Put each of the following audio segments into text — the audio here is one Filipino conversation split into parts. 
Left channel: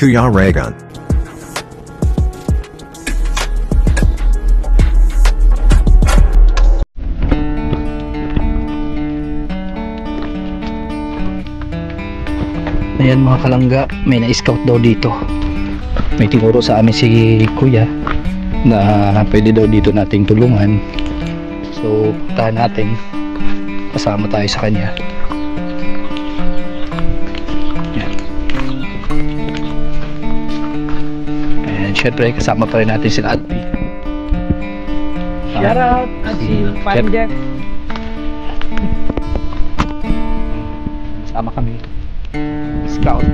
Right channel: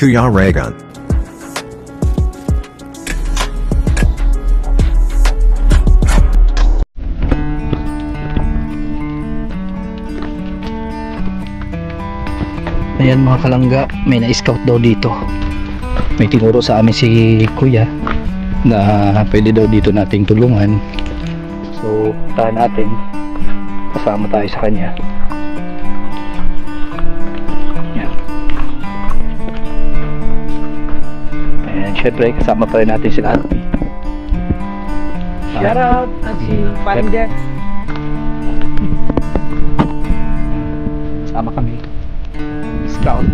Kuya Raygun. Ayan mga kalangga, may na-scout daw dito. May tinuro sa amin si kuya na pwede daw dito nating tulungan. So puntahan natin, kasama tayo sa kanya. Ayan. Ayan, syempre kasama pa rin natin sila Ate. Shout out at si Panja. Sama kami scout.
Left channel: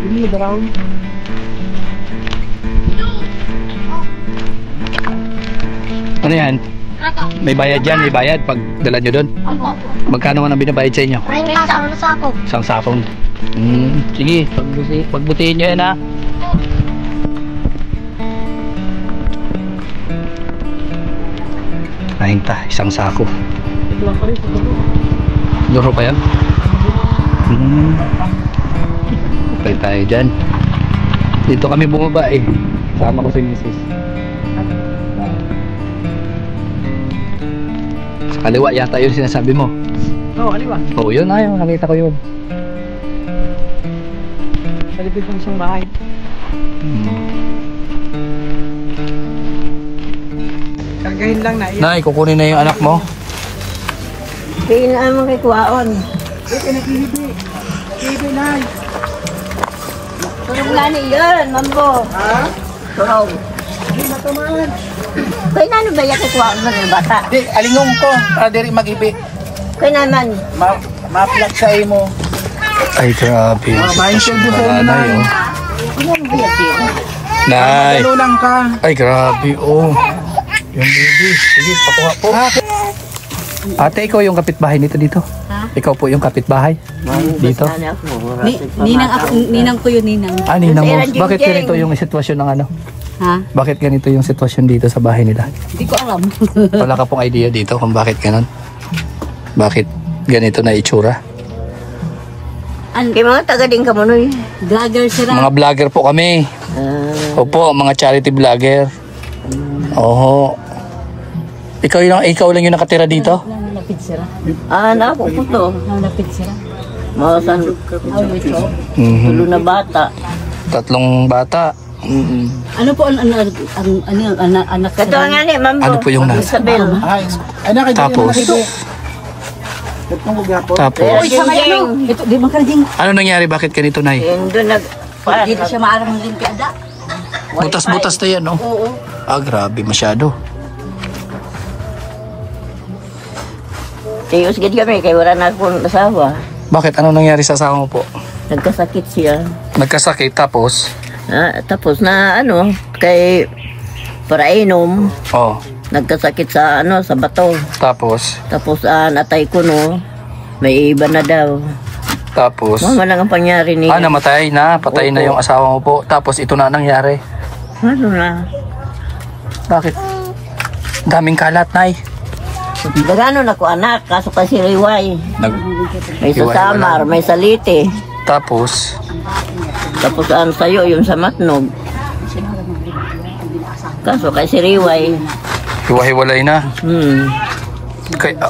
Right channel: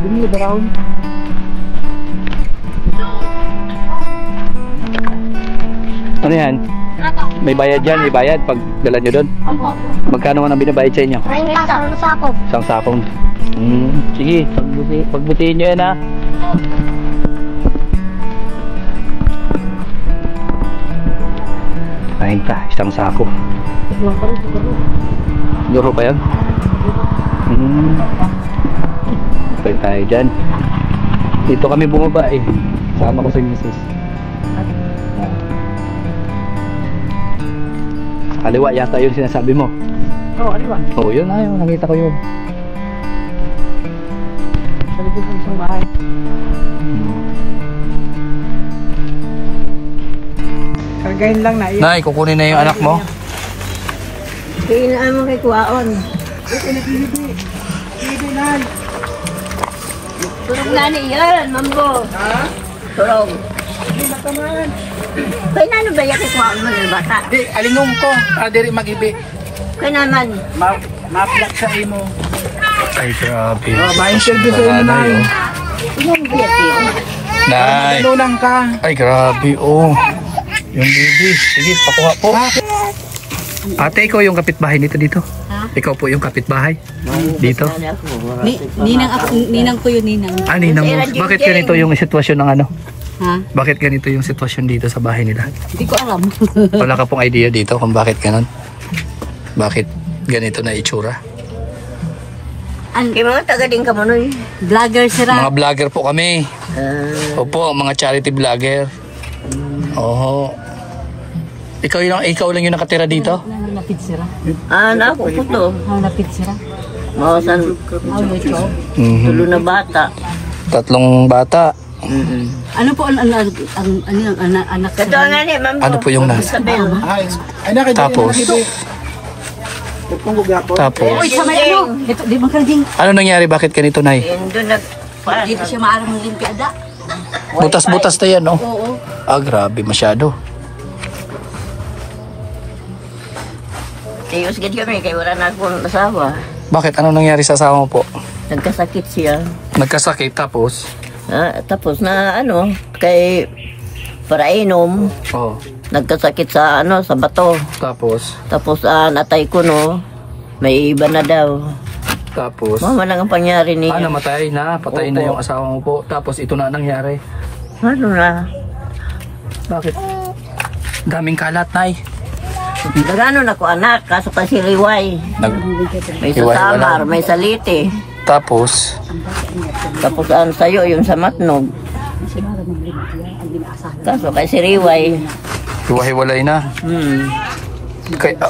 Bili brown. Ano yan? May bayad yan, may bayad pag dala nyo doon. Magkano man ang binabayad sa inyo? Ay, sa sako. Isang sakong. Sige, pagbutihin nyo yan ha. Ayun ta, isang sako. Luro pa yan? Okay tayo dyan. Dito kami bumaba eh. Sama ko si Mrs. Sa kaliwa yata yun sinasabi mo. Oo, aliwan. Oo, yun na yun. Nakita ko yun. Sa likod ng isang bahay. Kagahin lang na. Nay, kukunin na yung anak mo. Kailangan mo kay Kuwaon. Ito nakihibi. Hibi na. Tulong na ni yun, mambo. Ha? Tulong. Kaya na ano ba yung kay Kuwaon ba ng bata? Di, alingong ko. Para diri mag-ibi. Kaya naman. Ma-flat sa imo. Ay, grabe. Mindset doon sa'yo na yun. Yung biyati. Nay. Tulunang ka. Ay, grabe. Oh. Yung baby. Sige, pakuha po. Ate, ikaw yung kapitbahay nito dito? Ha? Ikaw po yung kapitbahay? Dito? Ninang ko yun, ninang. Ah, ninang mo. Bakit ganito yung sitwasyon ng ano? Ha? Bakit ganito yung sitwasyon dito sa bahay nila? Hindi ko alam. Wala ka pong idea dito kung bakit ganon? Bakit ganito na itsura? Kaya mga taga din ka mo nun. Vlogger sila. Mga vlogger po kami. Opo, mga charity vlogger. Oho. Ikaw lang yung nakatira dito? Napit sila. Ako po to. Napit sila. Mawasan. Tulo na bata. 3 bata. Ano po ang anak? Ito nga ni, ma'am. Ano po yung nasa? Tapos? Tapos? Ito, di ba kanaging? Ano nangyari? Bakit ganito, Nay? Yung doon dito siya maalam ng limpiada. Butas-butas na yan, no? Oo. Ah, grabe masyado. Tiyos gid kami, kaya wala na akong asawa. Bakit? Ano nangyari sa asawa mo po? Nagkasakit siya. Nagkasakit, tapos? Tapos na kay para inom. Oh. Nagkasakit sa sa bato. Tapos? Tapos natay ko may iba na daw. Tapos? Mama lang ang pangyari niya. Namatay na. Patay na Opo. yung asawa mo po. Tapos ito na nangyari. Ano na? Bakit? Daming kalat, Nay. Gano'n ako anak, kaso kasi riway. May sa Samar, may sa Lite. Tapos? Tapos sa'yo, yung sa Matnog. Kaso kasi riway. Hiwa-hiwalay na.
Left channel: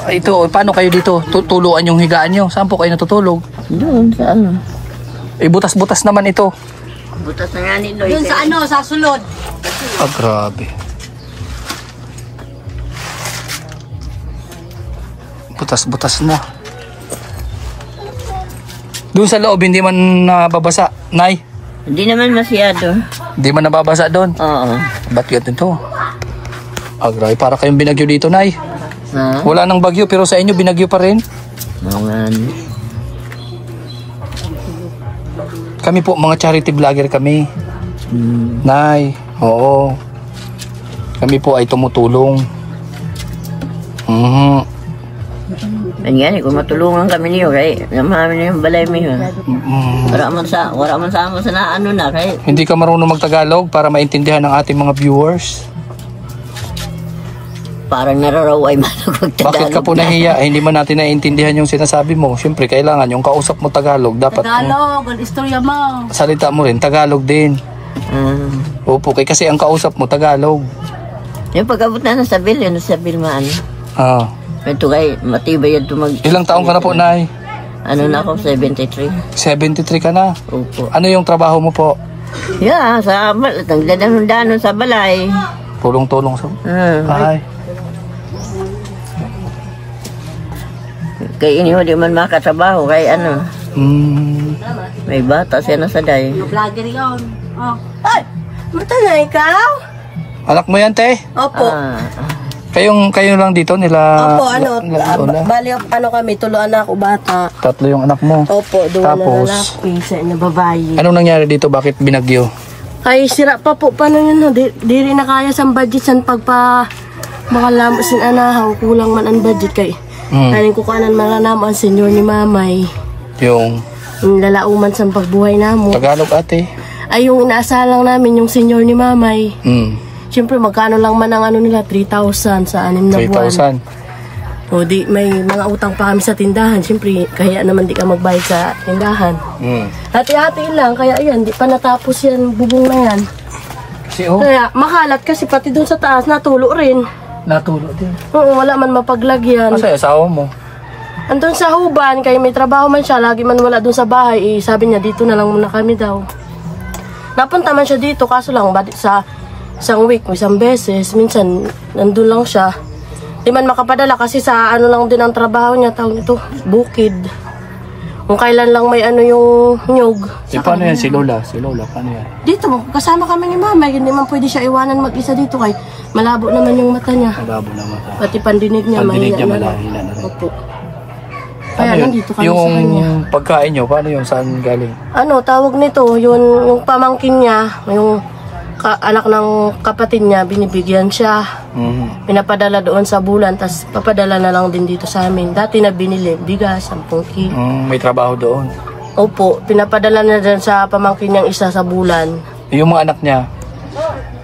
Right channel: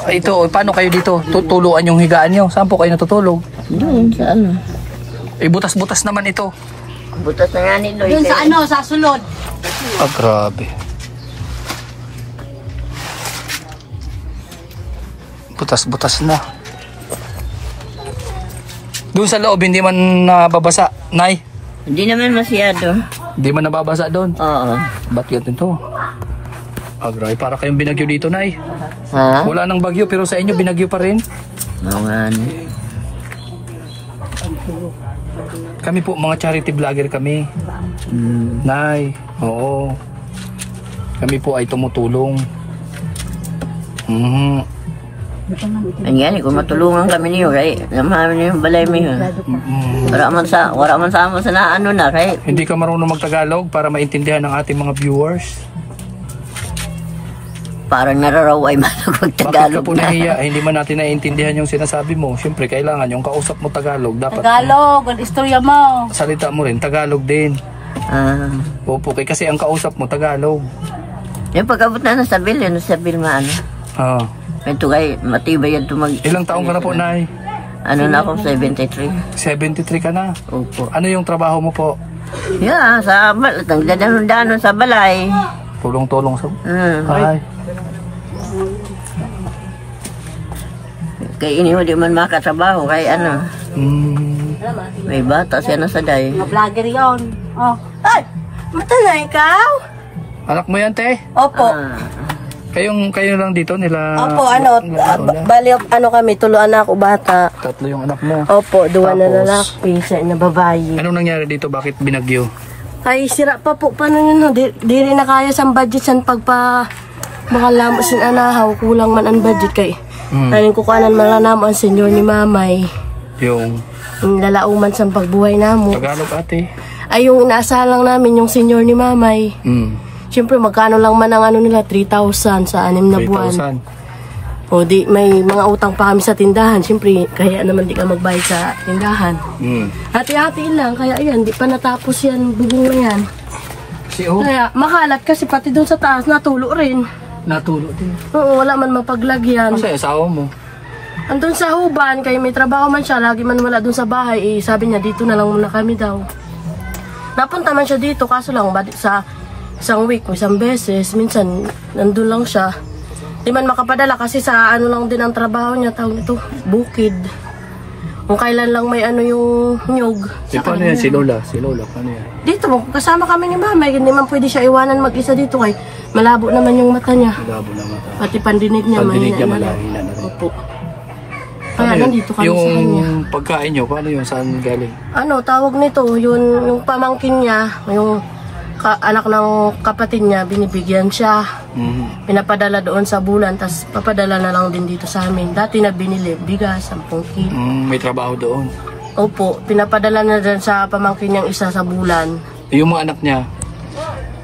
Ito, paano kayo dito? Tutuluan yung higaan nyo? Saan po kayo natutulog? Doon sa Butas-butas naman ito. Butas na nga ni Loy. Doon sa sa sulod. Ah, grabe. Butas-butas na. Doon sa loob, hindi man nababasa, Nay? Hindi naman masyado. Hindi man nababasa doon? Oo. Ba't ganito ito? Ah, grabe. Para kayong binagyo dito, Nay. Ha? Wala nang bagyo, pero sa inyo binagyo pa rin. Mga ano. Kami po, mga charity vlogger kami. Nay, oo. Kami po ay tumutulong. Ganyan, kung matulungan kami niyo, kay namahan niyo yung balay mo yun. Wala man sa mo sa na ano na, kay Hindi ka marunong magtagalog para maintindihan ng ating mga viewers. parang nararaw ay Bakit ka magtagalog po nahiya? Hindi man natin naiintindihan yung sinasabi mo. Siyempre, kailangan yung kausap mo Tagalog. Dapat Tagalog, ang istorya mo. salita mo rin, Tagalog din. Opo, kasi ang kausap mo Tagalog. Yung pag-abot na sa bill, yun sa bill maano. Ito kay matibay yan mag... Ilang taong ka na po, Nay? Ano na ako, 73. 73 ka na. Opo. Ano yung trabaho mo po? Yeah, sa danon sa balay. Tulong-tulong sa... Ay. Kaya ini di man makatrabaho, kay ano. May bata siya na sa day. Mga vlogger yun. Oh. Ay, mata na ikaw? Anak mo yan, te? Opo. Kayo lang dito nila... Opo, bali, kami, tuloan na ako bata. Tatlo yung anak mo. Opo, duwa na Tapos? lalaki, isa na babae. Anong nangyari dito? Bakit binagyo? Ay, sira pa po, paano yun, di rin na kaya sa budget san pagpa makalamos sin anahaw, kulang man ang budget kay. Kanin ko kanan malanamo ang senyor ni mamay. Yung Lalauman sa pagbuhay namo. Tagalog, ate. Ay, yung inaasalang namin, yung senyor ni mamay. Siyempre, magkano lang man ang ano nila, 3,000 sa 6 na buwan. 3,000. O di, may mga utang pa kami sa tindahan. Siyempre, kaya naman di ka magbayad sa tindahan. Hati-hati lang, kaya ayan, di pa natapos yan, bubong na yan. Kaya makalat kasi pati doon sa taas, natulo rin. Natulo din. Oo, wala man mapaglagyan. Kasi asawa mo? Andun sa Huban, kaya may trabaho man siya, lagi man wala doon sa bahay, sabi niya, dito na lang muna kami daw. Napunta man siya dito, kaso lang, sa isang week, isang beses, minsan, nandun lang siya. Di man makapadala kasi sa ano lang din ang trabaho niya, tawag ito, bukid. Kung kailan lang may ano yung nyug. Paano yan si Lola? Si Lola, paano yan? Dito, kasama kami ni Mama, hindi man pwede siya iwanan mag-isa dito kay malabo naman yung mata niya. Malabo na mata. Pati pandinig niya, Pandinig niya mahina na. malahina na. Opo. Kaya nandito kami sa kanya. Yung pagkain nyo, paano yun? Saan galing? Ano, tawag nito, yung pamangkin niya, yung anak ng kapatid niya, binibigyan siya. Pinapadala doon sa bulan, tapos papadala na lang din dito sa amin. Dati na binili, bigas, 10 kilo. May trabaho doon. Opo, pinapadala na dyan sa pamangkin niyang isa sa bulan. Yung mga anak niya,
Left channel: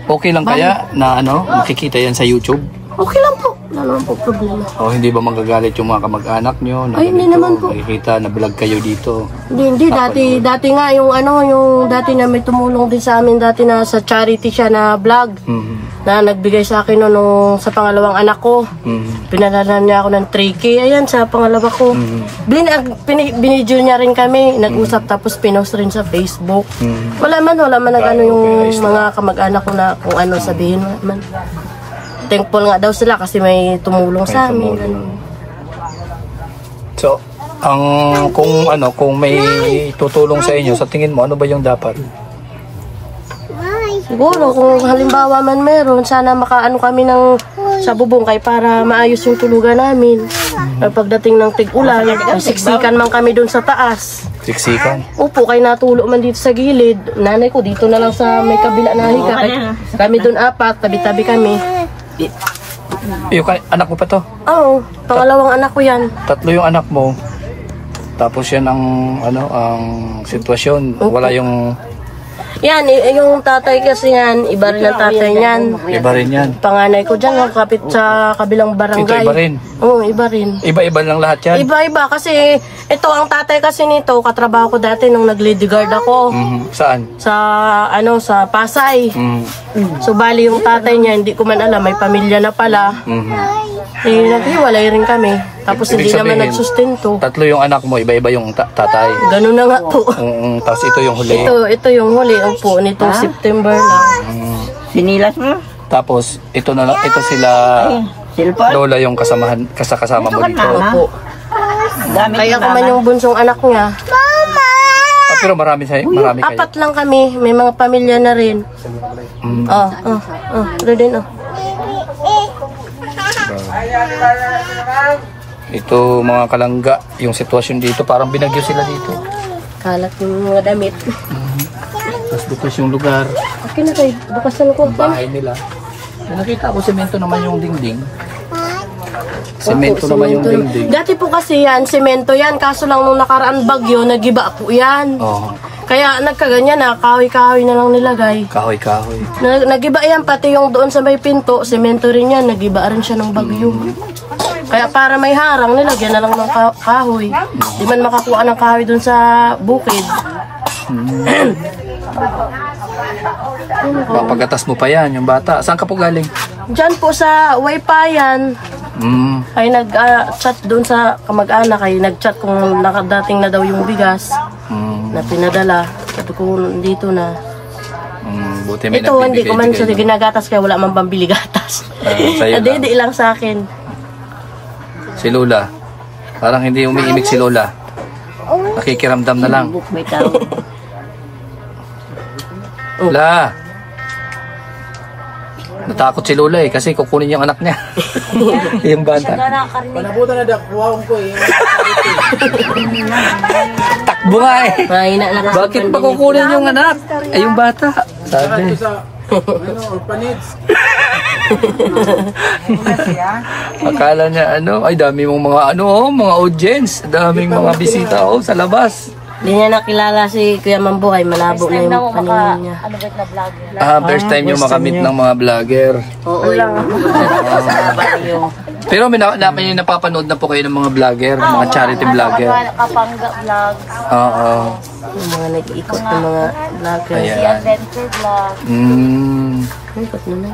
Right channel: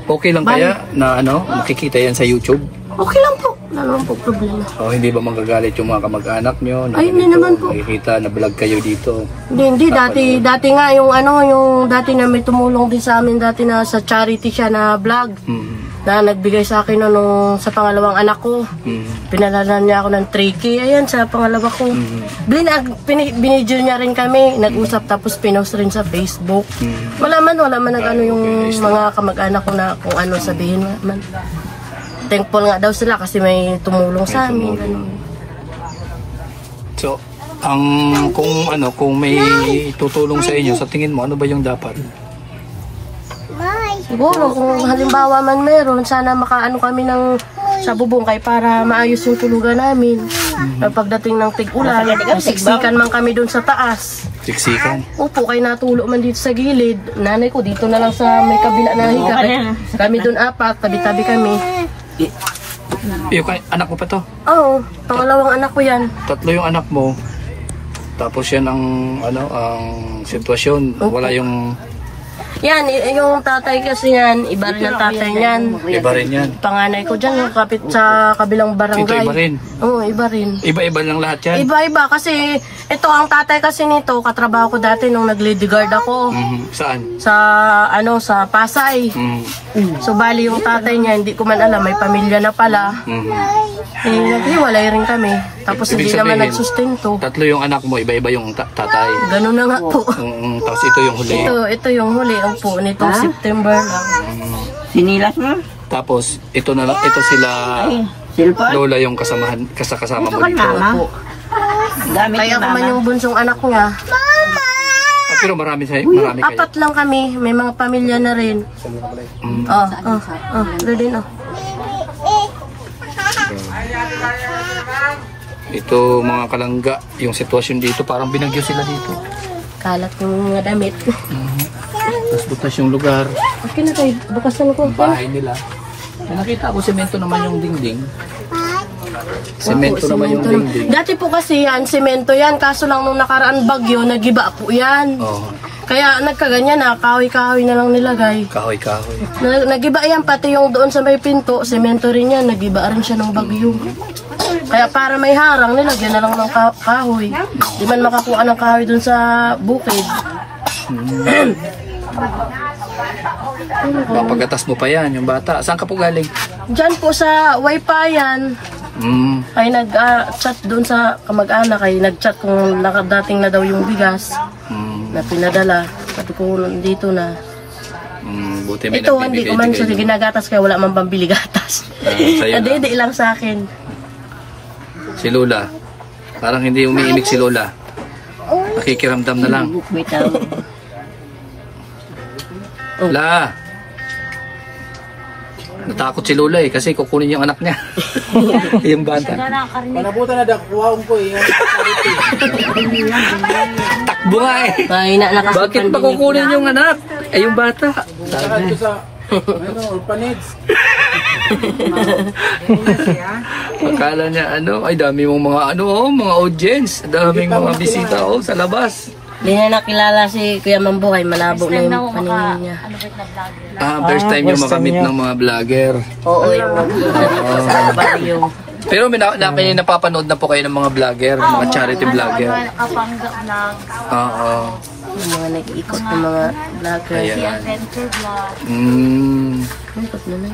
okay lang kaya na makikita yan sa YouTube? Okay lang po, wala naman po problema. O hindi ba magagalit yung mga kamag-anak nyo? Ay, hindi naman po. Makikita na vlog kayo dito. Hindi, dati nga yung dati na may tumulong din sa amin, dati na sa charity siya na vlog. Na nagbigay sa akin nung sa pangalawang anak ko. Pinadala niya ako ng 3K, ayan, sa pangalawa ko. Binidyo niya rin kami, nag-usap tapos pinost rin sa Facebook. Wala man yung mga kamag-anak ko na kung ano sabihin man. Thankful nga daw sila kasi may tumulong sa amin. So, kung may tutulong sa inyo, sa tingin mo, ano ba yung dapat? Siguro kung halimbawa man meron, sana makaano kami sa bubong kay para maayos yung tulugan namin. Pagdating ng tig-ulan, siksikan man kami doon sa taas. Siksikan? Opo, kay natulo man dito sa gilid. Nanay ko dito na lang sa may kabila na higa. Kami doon 4, tabi-tabi kami. Yung anak mo pa to? Oo, pangalawang anak ko yan. 3 yung anak mo. Tapos yan ang sitwasyon. Wala yung... Yan, yung tatay kasi yan, iba rin ang tatay niyan. Iba rin yan. Panganay ko dyan, yung kapit sa kabilang barangay. Ito iba rin? Oo, iba rin. Iba-iba lang lahat yan? Iba-iba kasi ito ang tatay kasi nito, katrabaho ko dati nung nag-lady guard ako. Saan? Sa Pasay. So bali yung tatay niya, hindi ko man alam, may pamilya na pala. Naghiwalay rin kami. Tapos Ibig hindi naman sabihin, nagsustento. 3 yung anak mo, iba-iba yung tatay. Ganun na nga po. Tapos ito yung huli. Ito yung huli po nitong September lang. Sinilas mo? Tapos ito sila Silpon? Lola yung kasama mo dito. Opo. Kaya ko man yung bunsong anak niya. Pero marami kayo? 4 lang kami. May mga pamilya na rin. Ito din Ito mga kalangga, yung sitwasyon dito, parang binagyo sila dito. Kalat yung mga damit. Tapos bukas yung lugar, Okay na kayo, bukas na ko. yung bahay nila. May nakita ko, semento naman yung dingding. Semento naman yung dingding. Dati po kasi yan, semento yan. Kaso lang nung nakaraan bagyo, nagiba po yan. Oh, Kaya nagkaganyan na, kahoy-kahoy na lang nilagay. kahoy-kahoy. Nagiba yan, pati yung doon sa may pinto, semento rin yan, nagiba rin siya ng bagyo. Kaya para may harang, nilagyan na lang ng kahoy. Di man makakuha ng kahoy doon sa bukid. Pagkatas mo pa yan, yung bata. Saan ka po galing? Diyan po sa Waypayan, ay nag-chat doon sa kamag-anak, ay nag-chat kung nakadating na daw yung bigas na pinadala. Sabi ko, dito na. Buti may Ito, hindi ko man siya nagbibigay-bigay, no? ginagatas kaya wala man pambili gatas. Sa'yo Hindi lang sa akin. Si Lola. Parang hindi umiimik si Lola. Nakikiramdam na lang. May tao. La! Natakot si Lola eh kasi kukunin yung anak niya. Yung bata. Panabutan na daw, kuwaon ko eh. Takbo nga eh. Mahina na kasi Bakit pa pandemic kukunin na. yung anak? Eh yung bata. Sabi. Ito sa, orphanage. Akala niya ay dami mong mga mga audience. Daming mga bisita sa labas. Hindi niya nakilala si Kuya Mambuhay, malabo na yung paningin niya. First time yung makamit ng mga vlogger. Oo, yung Pero may napapanood na po kayo ng mga vlogger, mga charity vlogger. Kapangga vlog, Oo. yung mga nag-iikot ng mga vlogger. Ayan. adventure vlog. Ikot naman.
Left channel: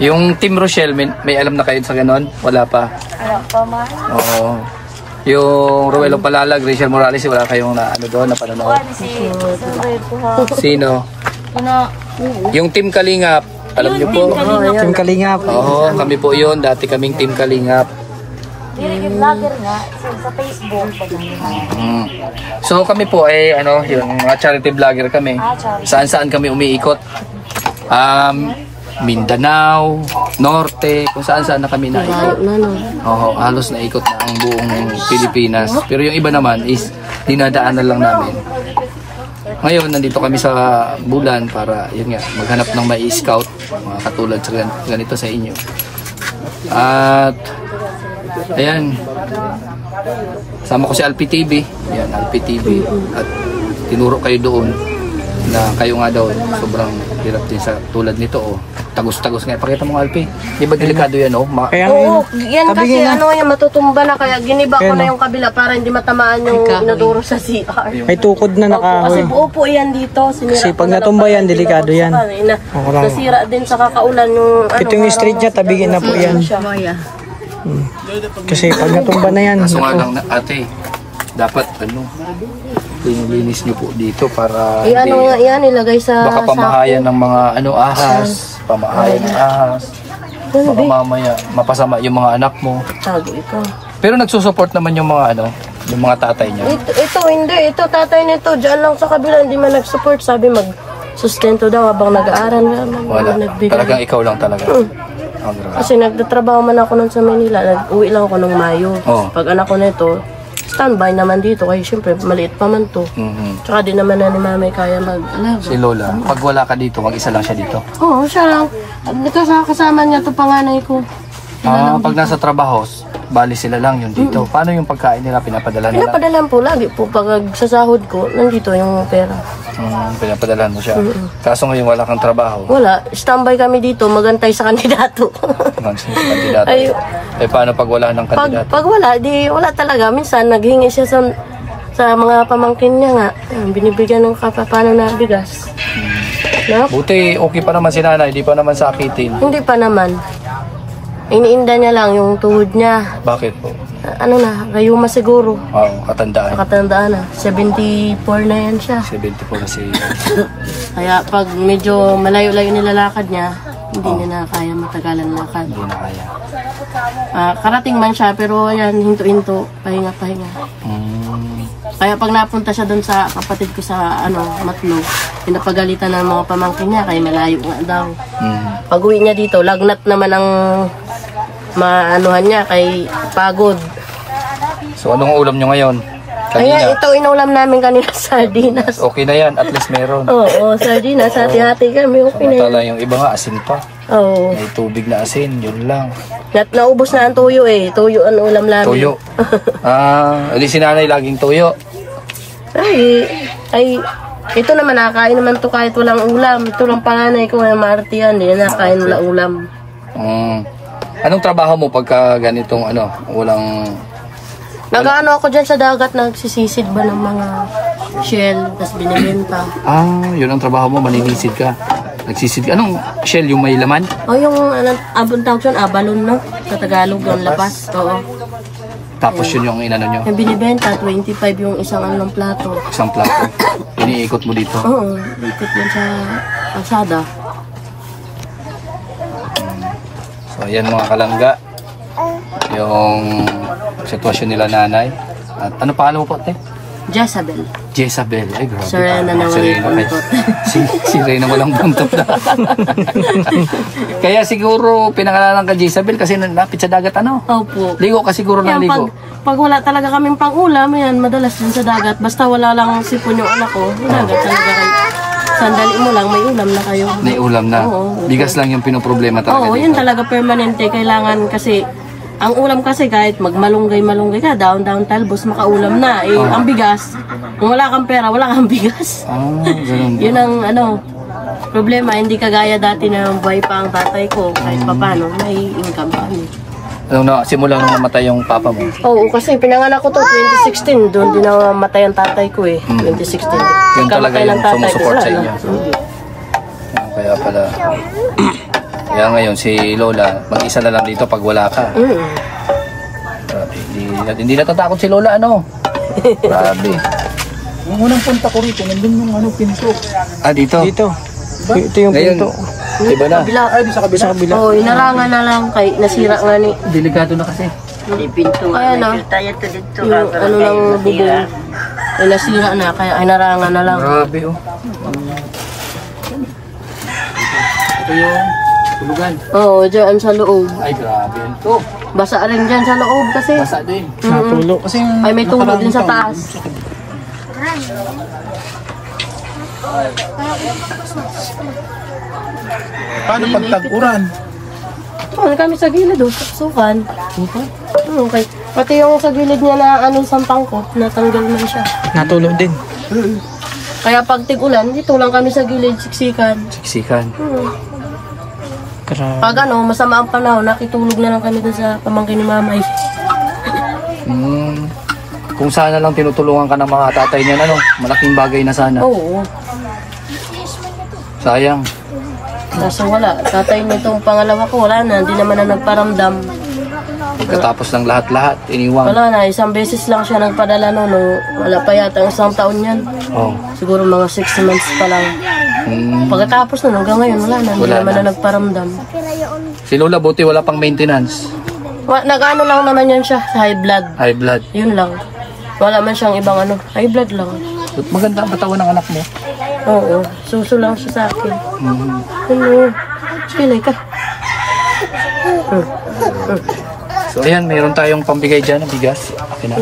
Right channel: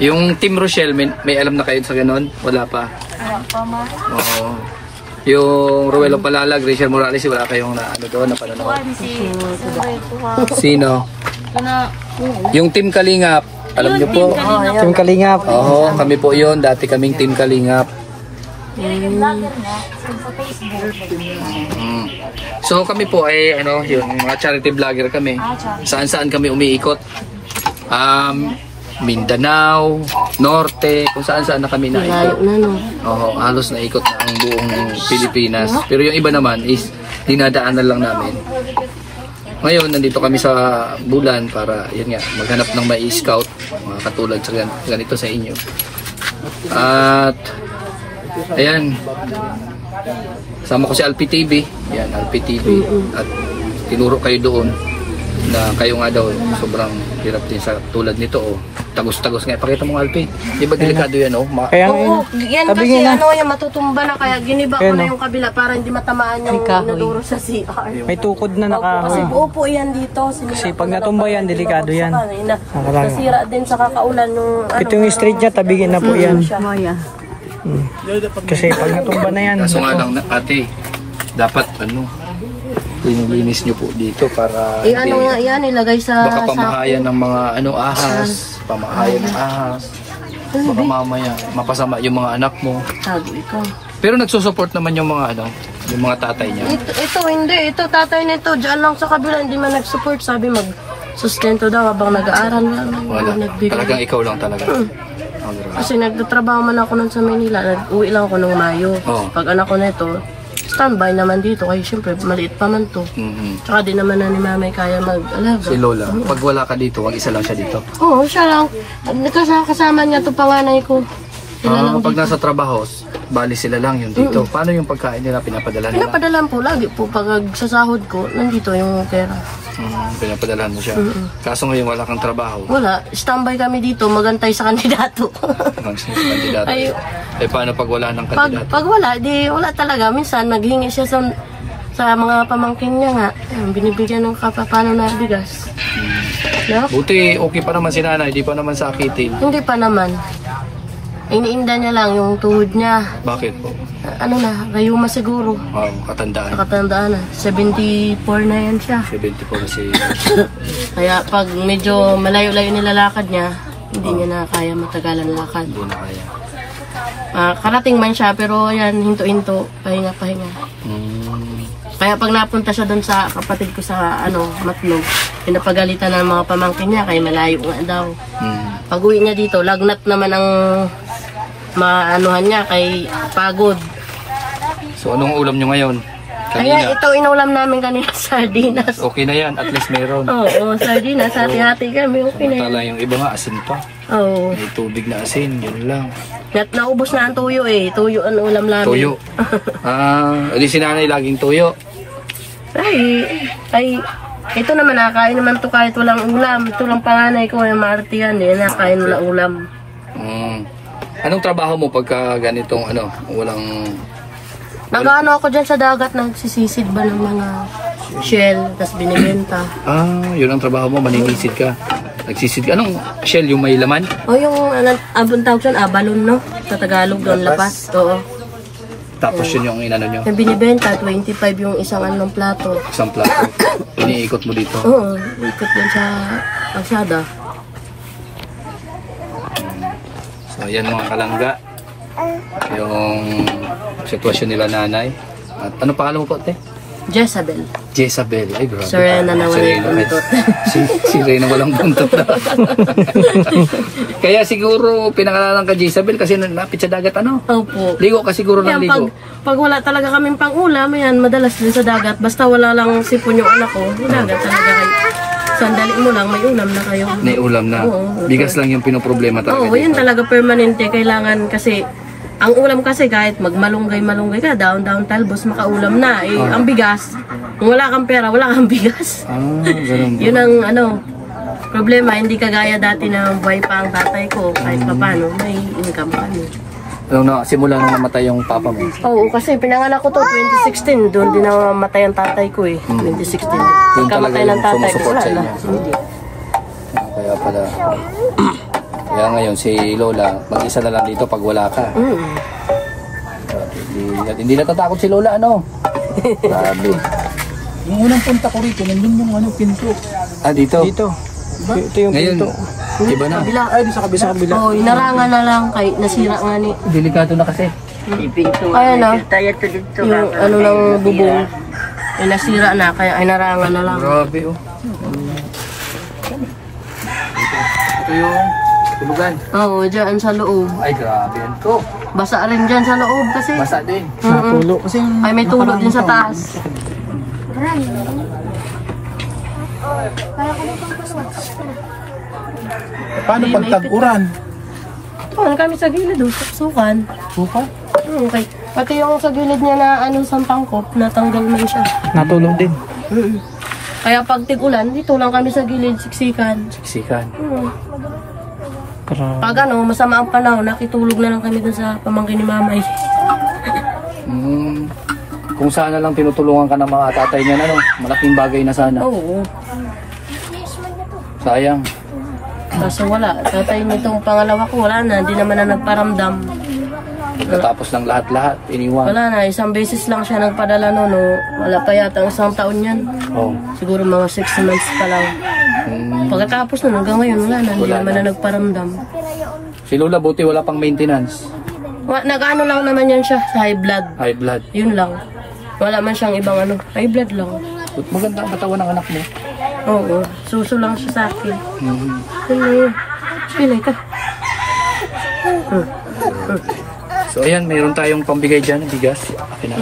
Yung Team Rochelle, may alam na kayo sa ganon? Wala pa? Ano pa ma? Oo. Yung Ruelo Palalag, Rachel Morales, wala kayong na panonood? Si Sino? Yung Team Kalingap, alam niyo po? Team Kalingap. Oo, kami po yun. Dati kaming Team Kalingap. vlogger niya sa Facebook. So kami po yung mga charity vlogger kami. Charity. Saan-saan kami umiikot. Mindanao, Norte, kung saan-saan na kami Layo naikot. na, no? Oo, halos naikot na ang buong Pilipinas. Pero yung iba naman is dinadaanan lang namin. Ngayon, nandito kami sa Bulan para, yun nga, maghanap ng may scout, mga katulad sa ganito sa inyo. At, ayan, sama ko si Alpi TV. Ayan, Alpi TV. At tinuro kayo doon na kayo nga daw sobrang hirap din sa tulad nito. Tagos-tagos nga. Pakita mo, Alpi. Di ba delikado yan, Kaya Oo, yan kasi yung matutumba na kaya giniba ko na yung kabila para hindi matamaan yung naduro sa CR. may tukod na Kasi upo yan dito. Sinira Kasi pag ko na natumba lang yan, pala delikado dito yan. sa kanina. Makarang. Nasira din sa kakaulan yung Ito yung street niya, tabigin na po yan. Kasi pag natumba na yan, So nga lang, ate, dapat linis nyo po dito para yan ilagay sa baka pamahayan ng mga ahas, pamahayan ng ahas. Baka mamaya mapasama yung mga anak mo. Tago ito. Pero nagsusupport naman yung mga yung mga tatay niya. Ito hindi. Ito tatay nito. Diyan lang sa kabila. Hindi man nag-support. Sabi mag-sustento daw habang nag-aaral. Wala. Talagang ikaw lang talaga. Kasi nagtatrabaho man ako nun sa Manila. Nag-uwi lang ako nung Mayo. Oh. Pag anak ko nito, standby naman dito. Kaya syempre, maliit pa man to. Tsaka di naman na ni Mami kaya mag-alaga. Si Lola, pag wala ka dito, wag isa lang siya dito. Oo, siya lang. Kasama niya to panganay ko. Pag nasa trabaho, bali sila lang yun dito. Paano yung pagkain nila pinapadala nila? Pinapadalan po lagi po. Pag sa sahod ko, nandito yung pera. Pinapadalan mo siya. Kaso ngayon wala kang trabaho. Wala. Standby kami dito. Magantay sa kandidato. Kandidato. Ay, Paano pag wala ng kandidato? pag wala, di wala talaga. Minsan, naghingi siya sa mga pamangkin niya nga. Ayun, binibigyan ng kapapano na bigas. No? Buti okay pa naman si nanay, di pa naman sakitin. Hindi pa naman. Iniinda niya lang yung tuhod niya. Bakit po? Gayuma siguro. Katandaan. Nakatandaan na. 74 na yan siya. 70 po kasi. Kaya pag medyo malayo-layo nilalakad niya, hindi niya na kaya matagalan lakad. Hindi na kaya. Karating man siya, pero ayan, hinto-hinto, pahinga-pahinga. Kaya pag napunta siya doon sa kapatid ko sa Matlog, pinapagalitan ng mga pamangkin niya, kaya malayo nga daw. Pag uwi niya dito, lagnat naman ang maanuhan niya kay pagod. So anong ulam nyo ngayon? Ay, Kanina. ito inulam namin kanina, sardinas. Okay na yan, at least meron. Oo, sardinas. Hati-hati kami. Okay na yan. Tala yung iba nga, asin pa. Oo. May tubig na asin, yun lang. Naubos na ang tuyo eh. Tuyo ang ulam namin. Tuyo. Edi si nanay laging tuyo. Ay, ito naman nakakain naman to kahit walang ulam. Ito lang panganay ko, ay maartiyan eh. Nakakain walang ulam. Anong trabaho mo pagka ganitong walang... Nag-ano ako dyan sa dagat, nagsisisid ba ng mga shell, tapos binibenta. Yun ang trabaho mo, maninisid ka. Nagsisid ka. Anong shell, yung may laman? O yung, abon tawag yun, abalon, no? Sa Tagalog, yung lapas. Oo. Tapos yun yung inano nyo? Yung binibenta, 25 yung isang anong plato. Isang plato. Iniikot mo dito. Oo, ikot yun sa agsada. So yan mga kalangga. Yung sitwasyon nila nanay. At ano pangalan mo po, te? Jezabel. Jezabel. Ay, grabe. Serena na walang buntot. Si Reyna walang buntot na. Kaya siguro pinangalanan ka Jezabel kasi lapit sa dagat Opo. Ligo ka siguro ng Yan, ligo. pag wala talaga kaming pang-ulam, yan, madalas din sa dagat. Basta wala lang sipon yung anak ko, dagat talaga kayo. Sandali mo lang, may ulam na kayo. May ulam na. Oo. Bigas lang yung pinoproblema talaga Oo, dito. yun talaga permanente. Kailangan kasi, ang ulam kasi kahit magmalunggay-malunggay ka, down talbos, makaulam na. Ang bigas, kung wala kang pera, wala kang bigas. Ganun ba? Yun ang problema. Hindi kagaya dati na buhay pa ang tatay ko. Kahit papano, may income kami. Simula nung namatay yung papa mo. Oo, kasi pinanganak ko to 2016. Doon din namatay ang tatay ko 2016. Yun talaga Pagkamatay ng yung tatay ko, sumusupport wala sa na. inyo. Kaya pala. Kaya ngayon si Lola, mag-isa na lang dito pag wala ka. Hindi natatakot si Lola, Grabe. Yung unang punta ko rito, nandun yung pinto. Dito? Dito. Ito yung Ngayon, pinto. iba na. Sa kabila. Oo, inarangan na lang kay nasira nga ni Delikado na kasi. Hindi pinto Kaya na. tayo to dito. yung ng bubong. Ay nasira na, kaya inarangan na lang. Grabe, Ito yung tulugan. Oo, dyan sa loob. Ay, grabe yan. Ito, Basa rin dyan sa loob kasi. basa din. Natulo. Kasi yung Ay, may tulo din sa taas. paano pag tag-uran? Paano kami sa gilid, sukan. Suka? Okay. Pati yung sa gilid niya na sampang ko, natanggal man siya. Natulo din. Kaya pag tig-ulan, dito lang kami sa gilid, siksikan. Siksikan. Grabe. Pag masama ang panahon, nakitulog na lang kami dun sa pamangkin ni Mamay. Kung sana lang tinutulungan ka ng mga tatay niya, malaking bagay na sana. Oo. Sayang. Kaso wala. Tatay nitong pangalawa ko, wala na. Hindi naman na nagparamdam. Pagkatapos ng lahat-lahat, iniwan. Wala na. Isang beses lang siya nagpadala no. Wala pa yata isang taon yan. Oh. Siguro mga 6 months pa lang. Pagkatapos nun, hanggang ngayon, wala na. Hindi Wala naman na. na nagparamdam. Si Lola, buti wala pang maintenance. Nag-ano lang naman yan siya, high blood. High blood. Yun lang. Wala man siyang ibang high blood lang. Maganda ang katawan ng anak mo. Oo, suso lang siya sa akin. Mhm. Ano? Pilay ka. So ayan, mayroon tayong pambigay dyan ng bigas. Okay na.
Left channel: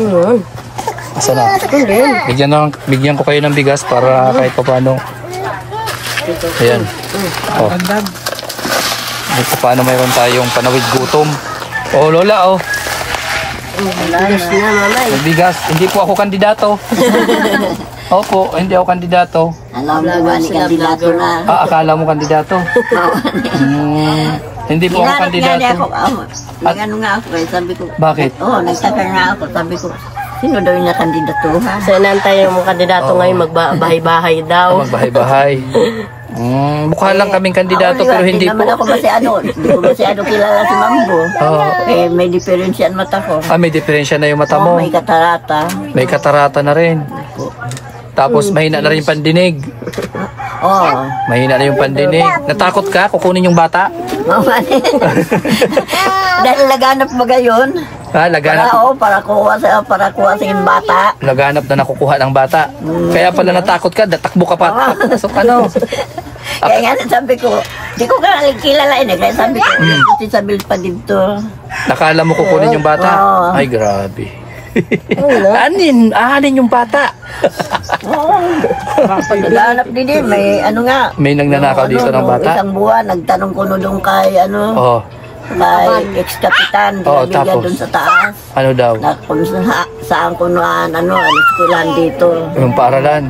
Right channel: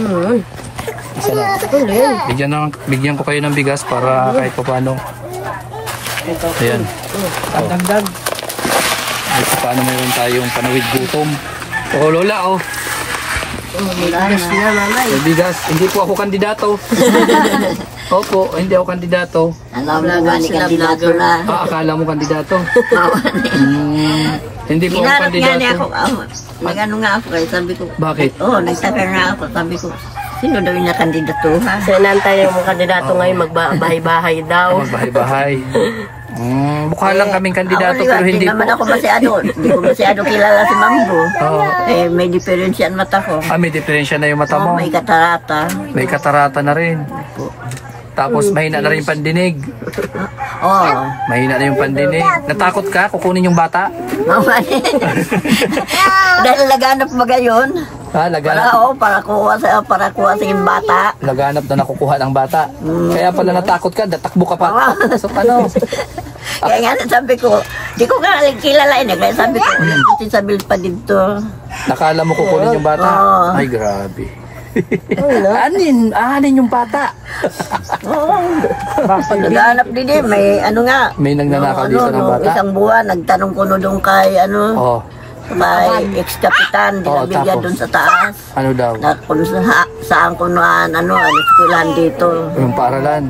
Asa na? Bigyan ko kayo ng bigas para kahit pa paano. Ayan. Oh. Kahit pa paano mayroon tayong panawid gutom. Oh Lola, Ayos na, mamay. May bigas. Hindi po ako kandidato. Opo, hindi ako kandidato. Alam mo ba ni kandidato na? Akala mo kandidato? Hindi po ako Hinarap nga niya kandidato. ako. Nag-ano nga ako kaya sabi ko. Bakit? Nagtaka nga ako. Sabi ko, sino daw yung nakandidatuhan? Sa inantay yung mga kandidato ngayon, magbahay-bahay daw. Magbahay-bahay. Mukha lang kaming kandidato pero hindi po. naman ako hindi ko masyado kilala si Mambo. May diferensya ang mata ko. May diferensya na yung mata mo. May katarata. May katarata na rin. Tapos mahina na rin yung pandinig. Mahina na yung pandinig. Natakot ka? Kukunin yung bata? Dahil laganap mo gayon. Para kuha sa yung bata. Laganap na nakukuha ng bata. Kaya pala natakot ka, tatakbo ka pa. So, ano? Kaya nga sabi ko, di ko nga kilala eh. Kaya sabi ko, si Isabel pa dito. Nakala mo kukunin yung bata? Oo. Ay, grabe. Ahanin yung bata. Oo. Naghanap din eh. May ano nga. May nagnanakaw dito ng bata? Isang buwan, nagtanong ko doon kay Oo. kay ex-kapitan, dinabigyan tapos? doon sa taas. Ano daw? Na kung saan ko noan, eskwelahan dito. Yung paaralan.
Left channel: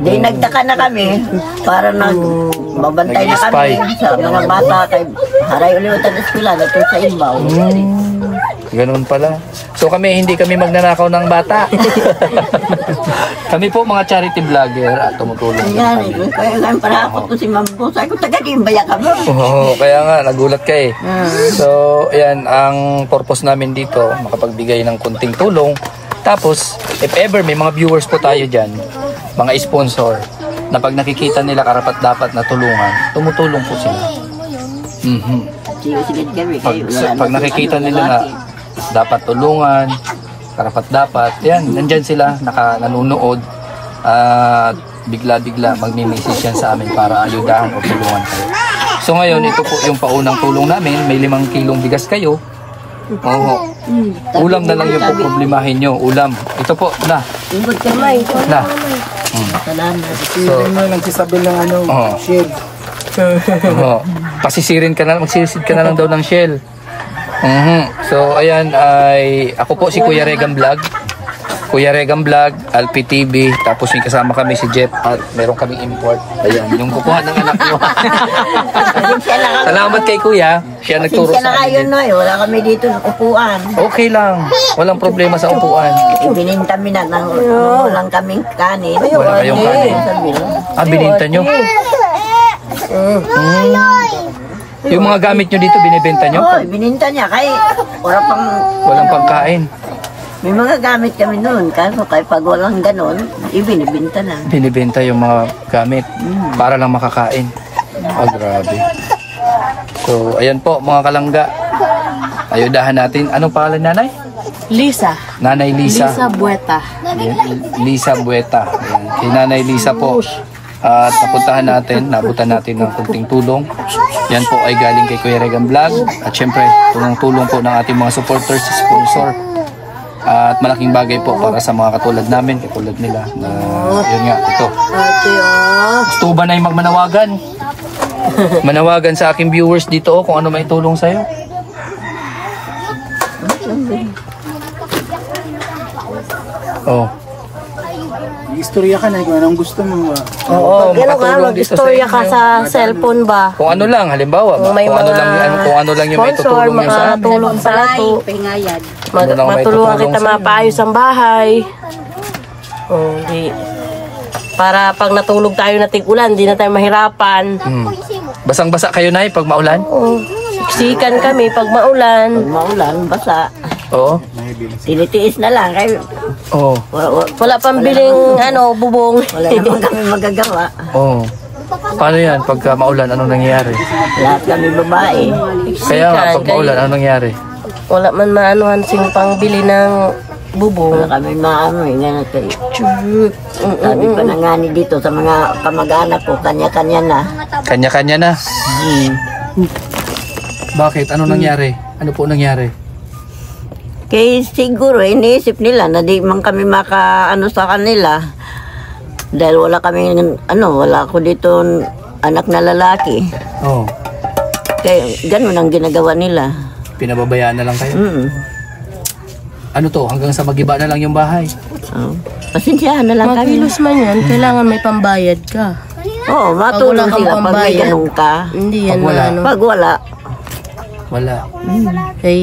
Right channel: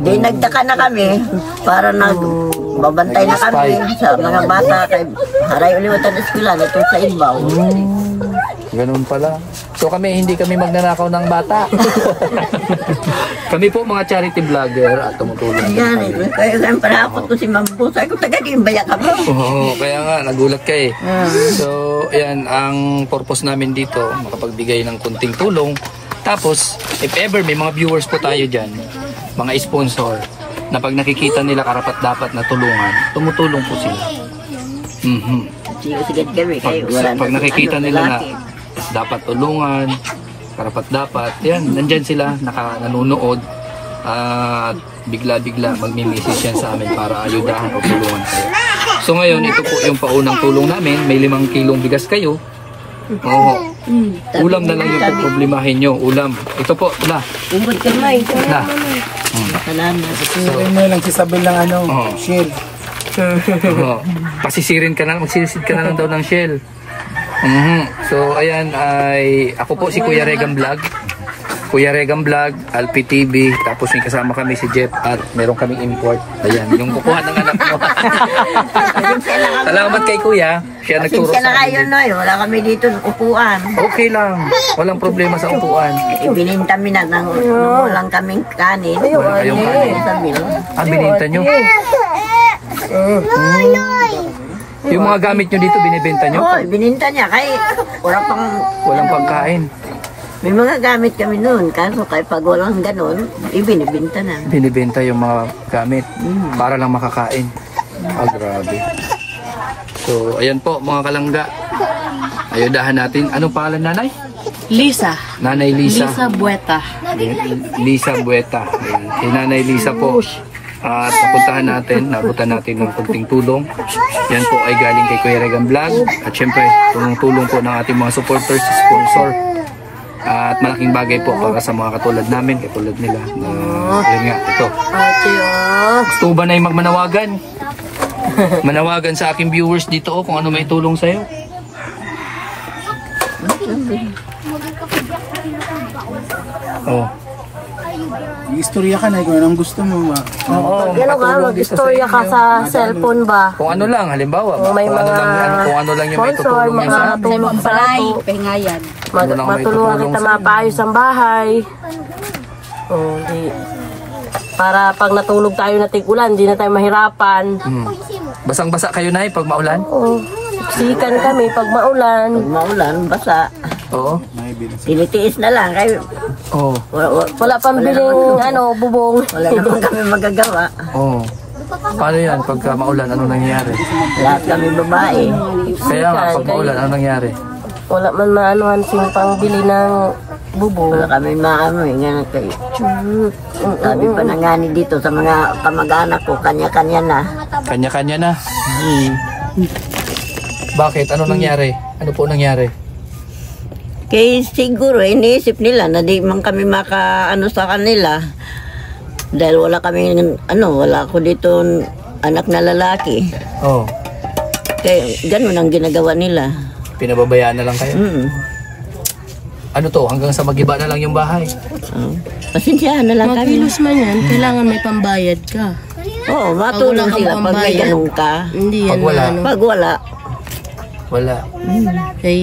Di nagtaka na kami para babantay na kami Nag-spy. sa mga bata kay haray ulit ang eskwela dito sa Ibaw. Ganun pala. So hindi kami magnanakaw ng bata. Kami po mga charity vlogger at tumutulong. Ayan, kaya nga parapot ko si Mambo. Sabi ko, taga-dimbaya ka mo. Oo, kaya nga, nagulat ka eh. So, ayan, ang purpose namin dito, makapagbigay ng kunting tulong. Tapos, if ever may mga viewers po tayo dyan, mga sponsor, na pag nakikita nila karapat dapat na tulungan, tumutulong po sila. Sige kami kayo. Pag nakikita nila na dapat tulungan, karapat dapat, yan, nandyan sila, nanonood, at bigla-bigla magmi-message yan sa amin para ayudahan o tulungan kayo. So ngayon, ito po yung paunang tulong namin, may 5 kilong bigas kayo. Oo. Ulam na lang yung problemahin nyo, ulam. Ito po, Ungod kamay. Salamat. So, may nagsasabi ng shell. Pasisirin ka na, magsisid ka na lang daw ng shell. So ayan ay ako po si Kuya Regan Vlog. Kuya Regan Vlog, Alpi TV, tapos may kasama kami si Jeff at meron kaming import. Ayan, yung kukuha ng anak nyo. Salamat kay Kuya. Siya nagturo Pasensya na sa kayo amin. no, wala kami dito ng upuan. Okay lang. Walang problema sa upuan. Ibininta mi na ng walang kaming kanin. Wala kayong kanin. Bininta nyo. Yung mga gamit nyo dito, binibenta nyo? Oo, bininta niya kay Walang pagkain. may mga gamit kami noon. Kaso kay pag walang ganon, ibinibinta na. Binibenta yung mga gamit para lang makakain. Grabe. So, ayan po mga kalangga. Ayudahan natin. Anong pangalan nanay? Lisa. Nanay Lisa. Lisa Bueta. Lisa Bueta. Ayan. Si Nanay Lisa po. At nabutan natin ng kunting tulong. Yan po ay galing kay Kuya Regan Vlog. At syempre, tulong po ng ating mga supporters, sponsor. At malaking bagay po para sa mga katulad namin, katulad nila. Yun nga, ito. Gusto ba na yung magmanawagan? Manawagan sa aking viewers dito kung ano may tulong sa'yo. Oh. Istorya ka na kung anong gusto mo. Oo, Gano'n ka, makatulong dito mag-istorya sa ka inyo. sa cellphone ba? Kung ano lang, halimbawa, Kung may kung ano mga lang yung may sponsor, tutulong yan sa amin. makatulong sa ato. Pengayan. Ano lang may Matulungan tutulong kita sa'yo. mapaayos ang bahay. Hindi. Para pag natulog tayo na tig-ulan, hindi na tayo mahirapan. Basang-basa kayo na pag maulan? Oo. Siksikan kami pag maulan. Pag maulan, basa. Oo. Tinitiis na lang. Kay Oo. Wala pang biling bubong. wala naman kami magagawa. Oo. Paano yan? Pagka maulan, anong nangyayari? Lahat kami babae. Kaya nga, pag maulan, anong nangyayari? Wala man maanuhan sing pang bili ng bubong. Wala kami maano eh. Ganun kayo. Sabi pa na nga ni dito sa mga kamag-anak ko, kanya-kanya na. Kanya-kanya na. Bakit? Ano nangyari? Ano po nangyari? Kaya siguro iniisip nila na di man kami makaano sa kanila. Dahil wala kami, wala ako dito anak na lalaki. Oo. Kaya ganun ang ginagawa nila. Pinababayaan na lang kayo? Ano to? Hanggang sa magiba na lang yung bahay? Oh. Pasensyahan na lang kami. Magkilos man yan, kailangan may pambayad ka. Oo, matulong Pag wala kang sila pag may pambayad. ganun ka. Hindi yan Pag wala. maano. Pag wala, Wala. Kay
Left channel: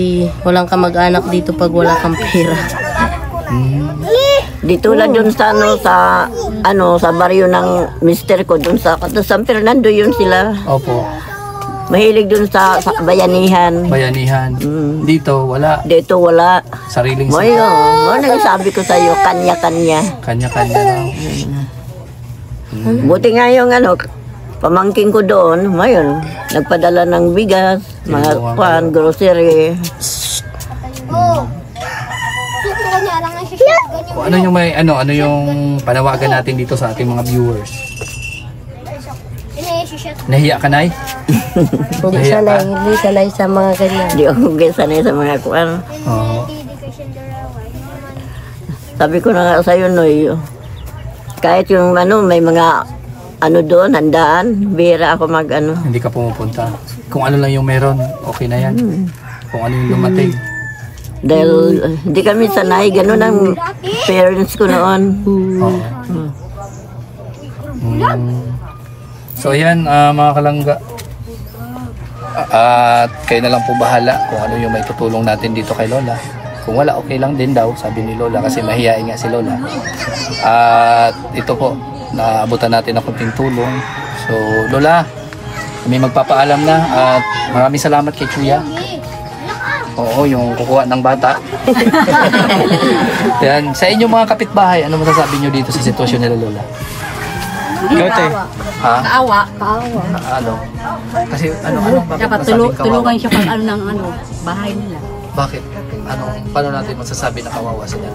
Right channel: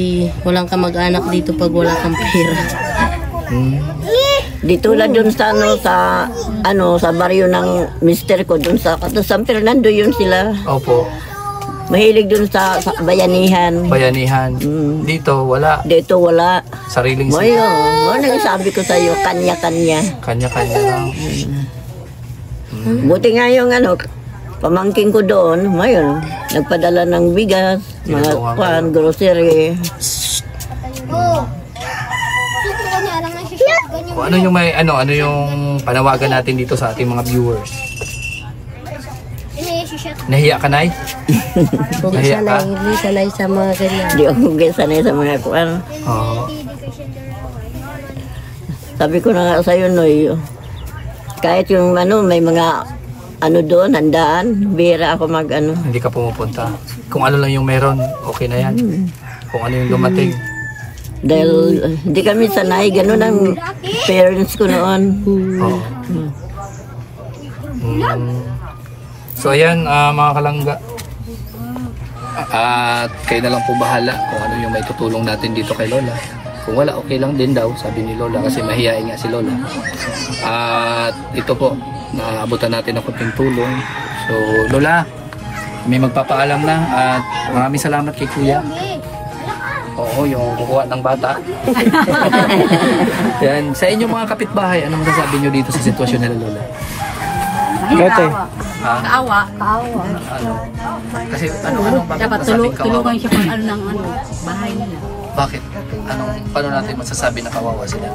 walang kamag-anak dito pag wala kang pera. dito lang dun sa sa baryo ng mister ko dun sa San Fernando yun sila. Opo. Mahilig dun sa bayanihan. Bayanihan. Dito, wala. Dito wala. Sariling Moyo, nagsabi ko sa iyo kanya-kanya. Kanya-kanya lang. Buti nga yung pamangking ko doon, ngayon, nagpadala ng bigas, mga grocery. O, ano yung ano yung panawagan natin dito sa ating mga viewers? Nahiya ka, Nay? Hindi sanay sa mga ganyan. Hindi ako sanay sa mga kuan. Oo. Sabi ko na nga sa'yo, Noy, kahit yung may mga doon, handaan, bira ako Hindi ka pumupunta. Kung ano lang yung meron, okay na yan. Kung ano yung dumating. Dahil hindi kami sanay, ganun ang parents ko noon. So ayan, mga kalangga. At kayo na lang po bahala kung ano yung may tutulong natin dito kay Lola. Kung wala, okay lang din daw, sabi ni Lola, kasi mahihain nga si Lola. At ito po, naabutan natin ng konting tulong. So Lola, kami magpapaalam na at maraming salamat kay Kuya. Oo, yung kukuha ng bata. Yan. Sa inyong mga kapitbahay, ano masasabi nyo dito sa sitwasyon nila Lola? Lote. Ha? Kaawa. Ano? Kasi Dapat tulungan siya pag ng bahay nila. Bakit? Ano? Paano natin masasabi na kawawa sila?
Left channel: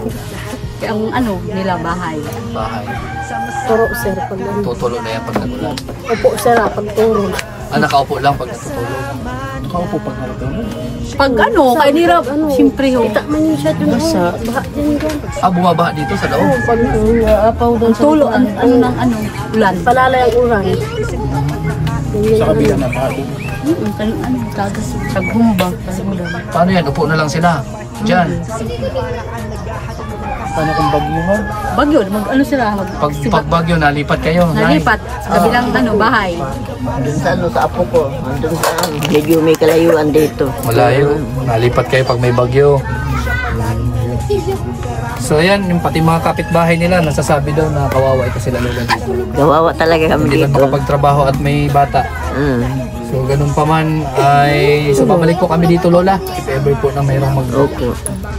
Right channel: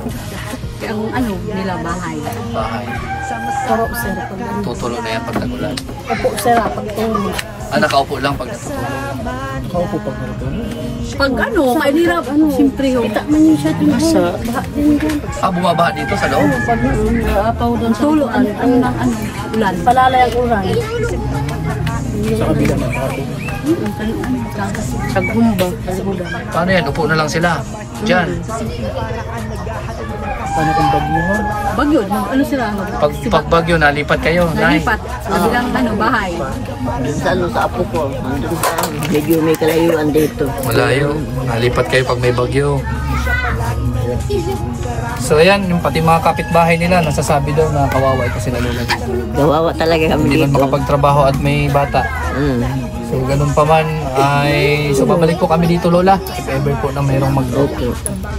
Ang nila bahay. Bahay. Turo, sir. Tutulo na yan pag nagulan. Opo, sir, pagturo. Nakaupo lang pag natutulog. Nakaupo pag natutulog. Pag kaya nila, siyempre ho. Kita man yun siya dun. Baha din dyan. Bumabaha dito sa loob? Pag apaw dun sa Tulo, ulan. palalay ang uran. Sa kabila ng bago. Paghumbang. Paano yan? Upo na lang sila. Diyan. Paano kung bagyuhan? Bagyo, sila? Pag bagyo, nalipat kayo. Nalipat sa bilang bahay. Sa apo ko. Medyo may kalayuan dito. Malayo. Nalipat kayo pag may bagyo. So ayan, yung pati mga kapitbahay nila nasasabi daw na kawawa ito sila nila. Gawawa talaga kami Hindi man dito. makapagtrabaho at may bata. So ganun pa man ay so babalik po kami dito Lola. If ever po na mayroong Okay.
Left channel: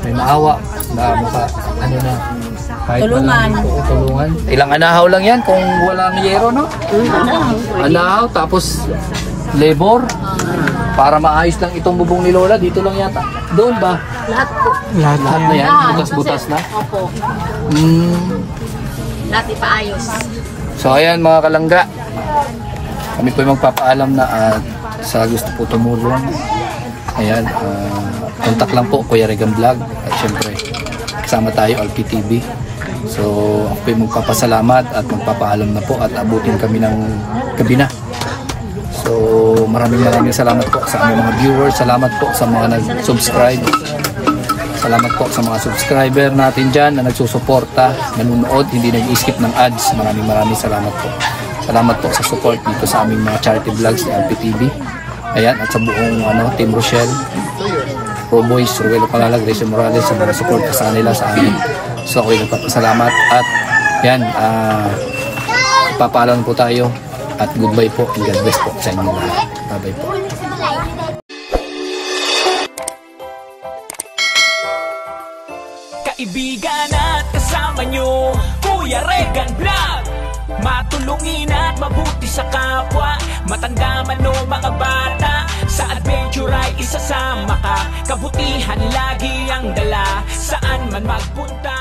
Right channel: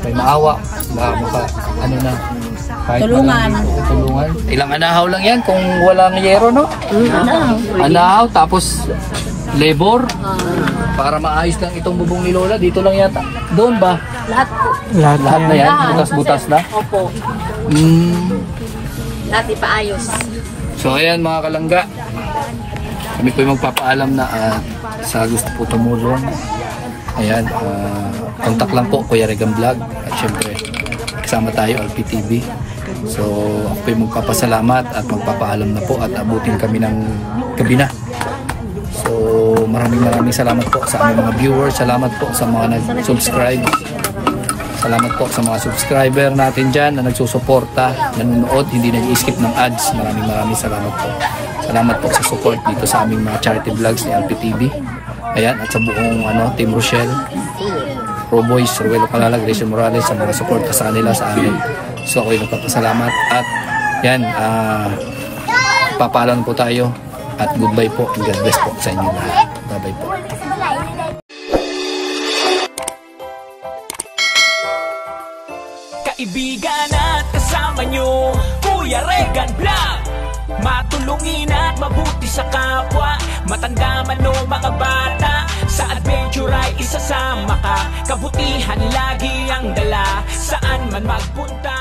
may maawa, baka na kahit Tulungan. Tulungan. Ilang anahaw lang yan kung walang yero, no? Anahaw, tapos labor para maayos lang itong bubong ni Lola. Dito lang yata. Doon ba? Lahat po. Lahat na yan. Butas-butas na. Opo. Lahat ipaayos. So ayan mga kalangga. Kami po yung magpapaalam na sa gusto po tumulong. Ayan, contact lang po Kuya Regan Vlog. At syempre, kasama tayo LPTV. So ako po yung magpapasalamat at magpapaalam na po at abutin kami ng gabi na. So maraming salamat po sa aming mga viewers. Salamat po sa mga nag-subscribe. Salamat po sa mga subscriber natin dyan na nagsusuporta, nanonood, hindi nag-skip ng ads. Maraming salamat po. Salamat po sa support dito sa aming mga charity vlogs ni LPTV. Ayan, at sa buong Team Rochelle, Pro Boys, Ruelo Calalag, Rachel Morales, sa mga support sa nila sa amin. So ako'y nagpapasalamat at yan, papaalam po tayo at goodbye po and God bless po sa inyo lahat. Bye bye po. Kaibigan at kasama nyo, Kuya Regan Vlog. Matulungin at mabuti sa kapwa, matanda man o mga bata. Sa adventure ay isasama ka, kabutihan lagi ang dala, saan man magpunta.